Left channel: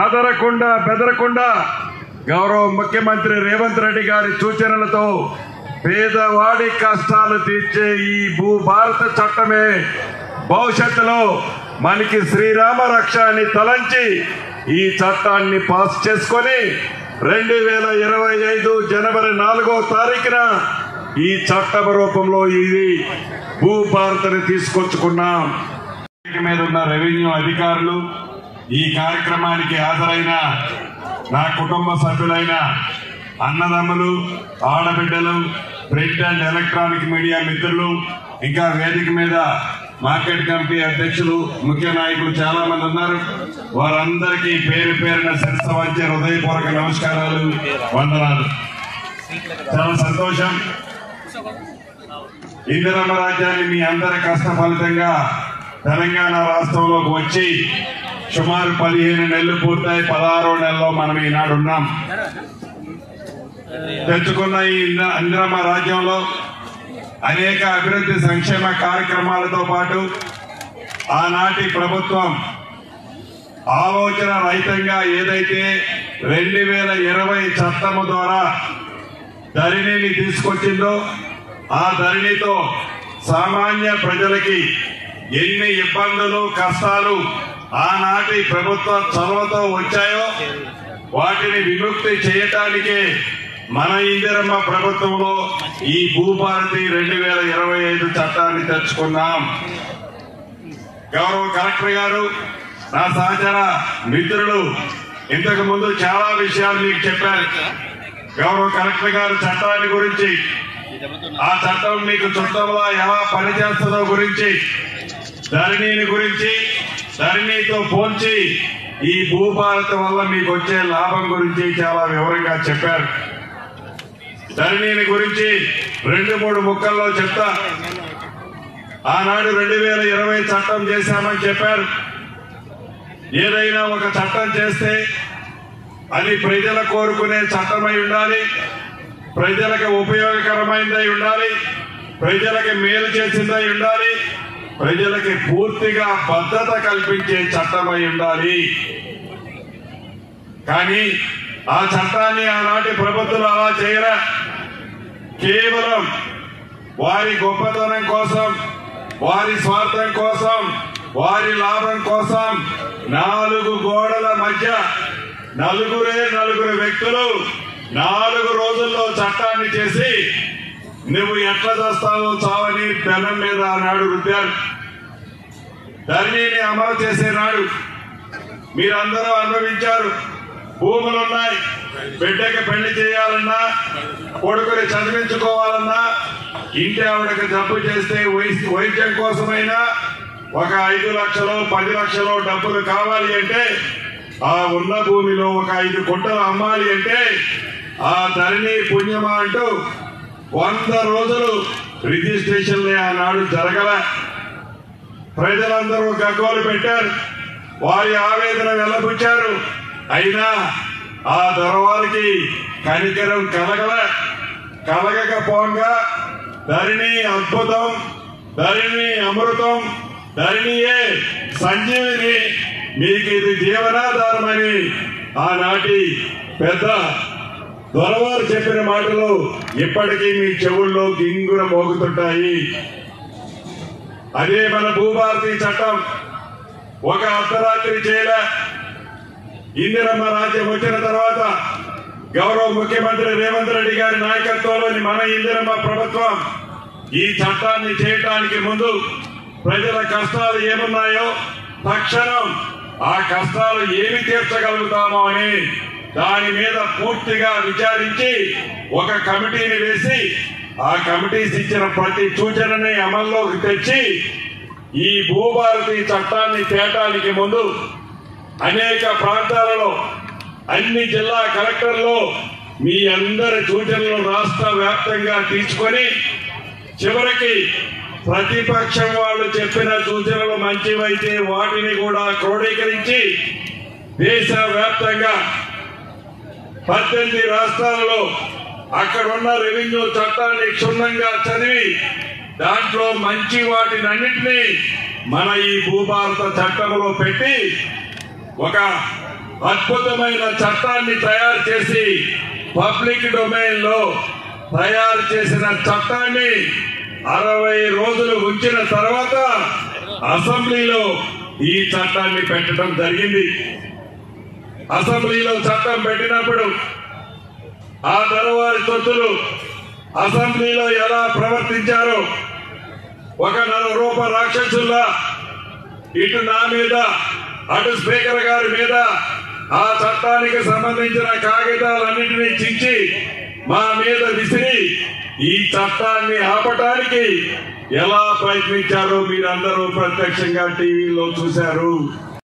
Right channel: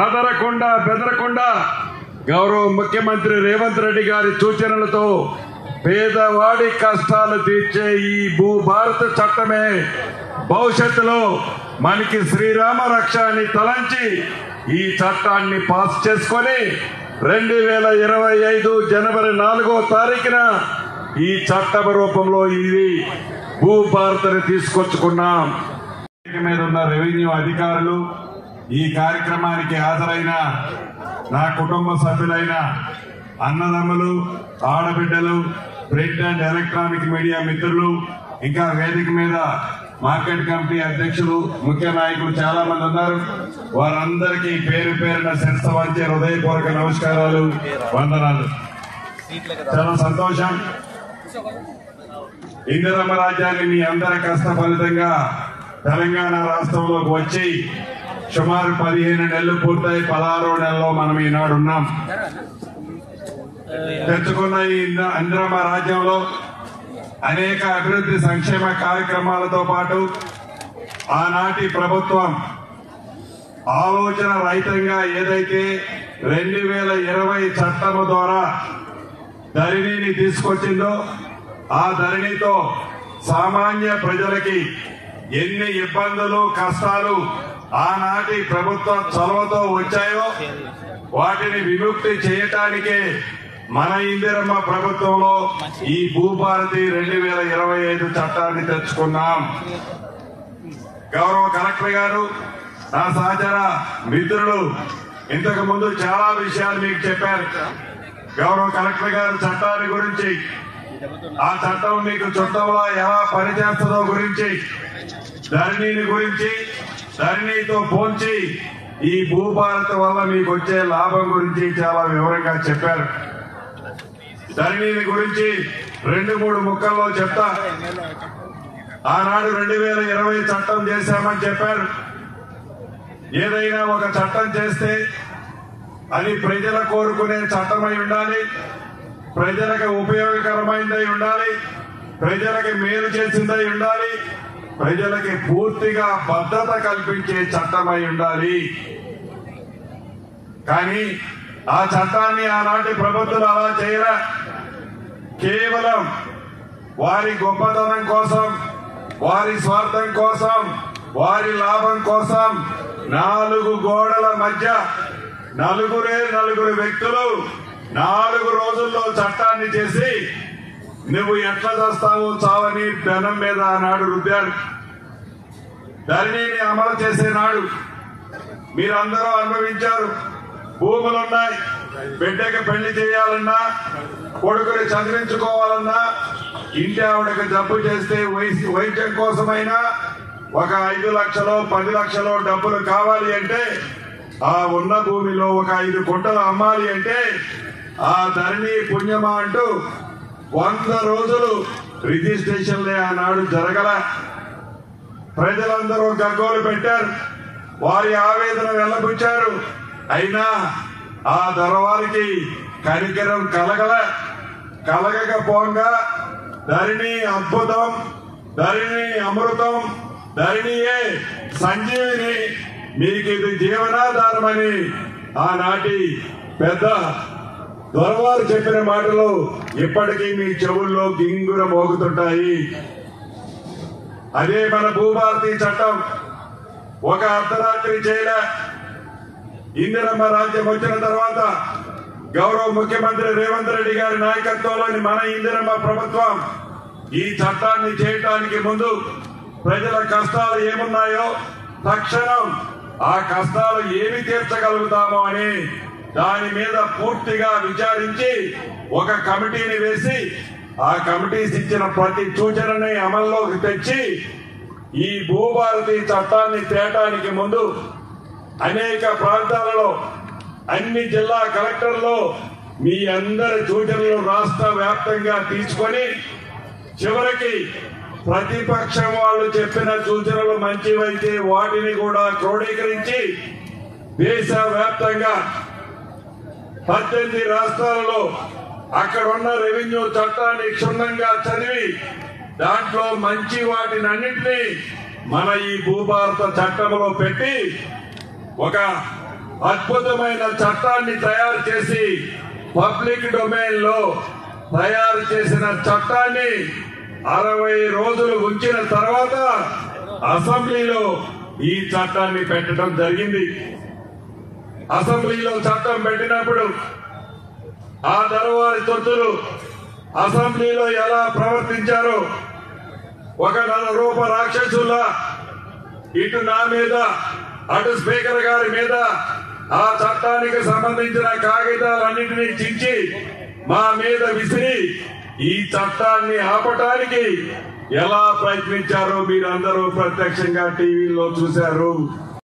అదరకుండా బెదరకుండా గౌరవ ముఖ్యమంత్రి రేవంత్ రెడ్డి గారి సూచనలతో పేదవాడి కష్టాలు తీర్చే ఈ భూభారత చట్టమే భవిష్యత్తులో మనకి శ్రీరామ రక్ష అని తలంచి ఈ చట్టాన్ని పాస్ చేసుకొని 2025 జనవరి 4వ తారీఖున ఈ చట్టం రూపంలో ఇది భూభారతని తీసుకొచ్చుకున్నాం. మీద ఉన్న రెవెన్యూ అధికారులు, ఈ కార్యక్రమానికి హాజరైన నా కుటుంబ సభ్యులైన అన్నదమ్ములు, ఆడబిడ్డలు, ప్రింట్ అండ్ ఎలక్ట్రానిక్ మీడియా మిత్రులు, ఇంకా వేదిక మీద మార్కెట్ కమిటీ అధ్యక్షులు, ముఖ్య నాయకులు చాలా మంది ఉన్నారు. వారందరికీ పేరు పేరున శిరస్సు వంచే హృదయపూర్వక నమస్కారాలు, వందనాలు. చాలా సంతోషం. ఇందిరమ్మ రాజ్యాన్ని మీ అందరి కష్ట ఫలితంగా తెలంగాణ రాష్ట్రంలోకి వచ్చి సుమారు 15 నెలలు పూర్తయి 16వ నెలలో మనం ఈనాడు ఉన్నాం. తెచ్చుకున్న ఈ ఇందిరమ్మ రాజ్యంలో అనేక అభివృద్ధి సంక్షేమ కార్యక్రమాలతో పాటు ఆనాటి ప్రభుత్వం ఆలోచన రహితంగా ఏదైతే 2020 చట్టము ద్వారా ధరణిని తీసుకొచ్చిందో ఆ ధరణితో సామాన్య ప్రజలకి ఎన్ని ఇబ్బందులు కష్టాలు ఆనాటి ప్రభుత్వ చొరవతో వచ్చాయో వాటిని విముక్తి చేయటానికే మన ఇందిరమ్మ ప్రభుత్వంలో ఈ భూభారతి 2025 చట్టాన్ని తెచ్చుకున్నాం. గౌరవ కలెక్టర్ గారు, నా సహచర మిత్రులు ఇంతకు ముందు చాలా విషయాలు మీకు చెప్పారు. గౌరవ కలెక్టర్ గారు చట్టాన్ని గురించి, ఆ చట్టం మీకు చుట్టంలో ఎలా పనిచేస్తుందో గురించి, ధరణిని గురించి, ధరణితో పోల్చి ఈ భూభారతి వల్ల మీకు వచ్చే లాభం గురించి చాలా వివరంగా చెప్పారు. ధరణిని గురించి 2-3 ముక్కల్లో చెప్తా. ఆనాడు 2020 చట్టం చేశామని చెప్పారు. ఏదైనా ఒక చట్టం చేస్తే అది ప్రజల కోరుకునే చట్టమై ఉండాలి, ప్రజలకు ఉపయోగకరమైనదై ఉండాలి, ప్రజలకి మేలు చేసిందై ఉండాలి, ప్రజలకి పూర్తిగా భద్రత కల్పించే చట్టమై ఉండాలి. కానీ ఆ చట్టాన్ని ఆనాటి ప్రభుత్వాలు అలా చేయరా. కేవలం వారి గొప్పతనం కోసం, వారి స్వార్థం కోసం, వారి లాభం కోసం 4 గోడల మధ్య నలుగురు వ్యక్తులు 4 రోజుల్లో చట్టాన్ని చేసి నువ్వు ఎట్లా చేస్తావో చావని పెనం మీద ఆనాడు రుద్దారు. ధరణిని అమలు చేసే నాడు మీరందరూ అనుభవించారు. భూములున్నాయి, బిడ్డకి పెళ్లి చేయాలన్నా, కొడుకుని చదివించుకోవాలన్నా, ఇంటి ఆవిడకి జబ్బు చేస్తే వైద్యం కోసమైనా ఒక 5 లక్షలు 10 లక్షలు డబ్బులు కావాలి అంటే ఆ ఉన్న భూమిలో ఒక 5 గుంటలు అమ్మాలి అంటే ఆ ధరణి పుణ్యమా అంటూ 100 రోజులు రిజిస్ట్రేషన్లే ఆనాడు జరగల. ప్రజలందరూ గగ్గోలు పెట్టారు, వారి ఆవేదన వెల్లబుచ్చారు. అయినా ఆ దొరవారికి కనికరం కలగకపోగా ధరణి అద్భుతం, ధరణి అమృతం, ధరణియే సంజీవిని, మీకు ఇది జీవనాధారమని ఆనాటి పెద్ద దొరవారు చెప్పిన మాటలు ఇప్పటికీ మీ చెవుల్లో గింగుర మోగుతుంటాయి. అదే మన భూభారతి చట్టం. ఒక అర్ధరాత్రి చేయలే. ఇందిరమ్మ రాజ్యం వచ్చిన తర్వాత గౌరవ ముఖ్యమంత్రి రేవంత్ రెడ్డి గారి నాయకత్వంలోని మన ఇందిరమ్మ ప్రభుత్వం ఈ చట్టాన్ని చేయడానికి ముందు ప్రజల కష్టాలు ఏమున్నాయో తక్షణం ఆ కష్టాలు ఏమి తీర్చగలుగుతామో అని దాని మీద పూర్తిగా విచారించి ఒక కమిటీని వేసి ఆ కమిటీస్ ఇచ్చిన ప్రతి సూచనని అమల్లోకి తెచ్చి ఈ భూభారతి చట్టాన్ని తేటానికి ముందు అనేక ప్రాంతాలలో అన్ని జిల్లా కలెక్టర్లు మీ అందరి సూచనలు రాష్ట్ర వ్యాప్తంగా తీసుకొని చివరికి ప్రతిపక్షం వాళ్ళు చెప్పిన సూచనలు మంచివైతే వాటిని కూడా క్రోడీకరించి దేశవ్యాప్తంగా 18 రాష్ట్రాలలో అక్కడున్న రెవెన్యూ చట్టాన్ని క్షుణ్ణంగా చదివి దాంట్లో మంచి వాటినన్నింటినీ మన ఈ భూభారత చట్టంలో పెట్టి ఒక అద్భుతమైన చట్టాన్ని తయారు చేసి పబ్లిక్ డొమైన్ లో తయారు చేసిన చట్టాన్ని 60 రోజులు ఉంచిన తర్వాత అసెంబ్లీలో ఈ చట్టాన్ని పెట్టడం జరిగింది. అసెంబ్లీలో చట్టం పెట్టినప్పుడు ఆ తరువాతి తొత్తులు అసెంబ్లీలో ఎలా ప్రవర్తించారో ఒక నరరూప రాక్షసుల్లా ఇటు నా మీద అటు స్పీకర్ గారి మీద ఆ చట్టానికి సంబంధించిన కాగితాలన్నింటినీ చించి మా మీద విసిరి ఈ చట్టాన్ని ఆపటానికి ఎలా ప్రయత్నించారో మీరందరూ ప్రత్యక్షంగా టీవీలో చూశారు.